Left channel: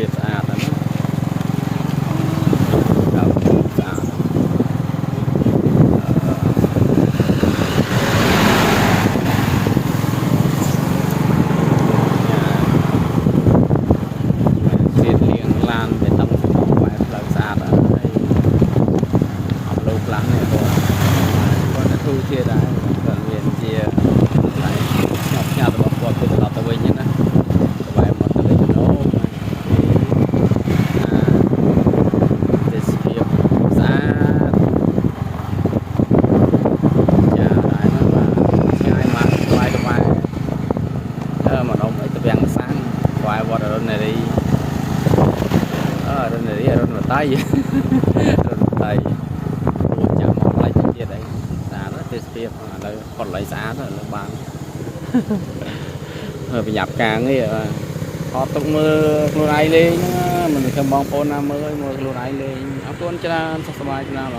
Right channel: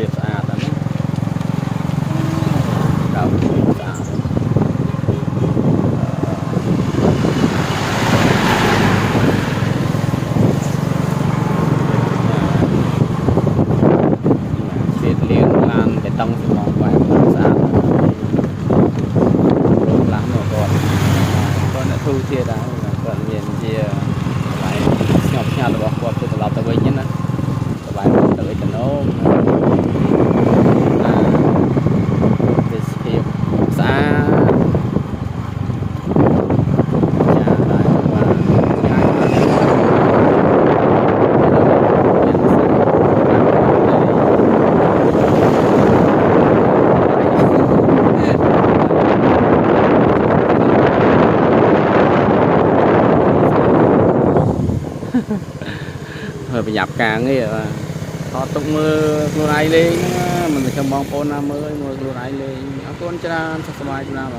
ភាពស្អាតហ្នឹងណាដើមស្អាតហ្នឹងជ្រៀតលៀងឡានបេតុងសំងបែបស្អាតហើយរូបខ្លះនោះគាត់ធូរធារដែរគាត់មានជាកន្លែងស្ងប់ស្ងាត់របស់គាត់ទៅត្រឡប់ទៅវិញណាសบายទៅវិញទៅនោះទេសភាពស្អាតចាដែរបាទឆ្ងាយមកស្វែងមកវាំងសាំងស្វែងវត្តនៅនេះដៃhơi bị nhập càng ấy họ tục mưa luôn ai lên mình không mong phone nào mưa luôn ai lên áo con cho sắp bài cho nào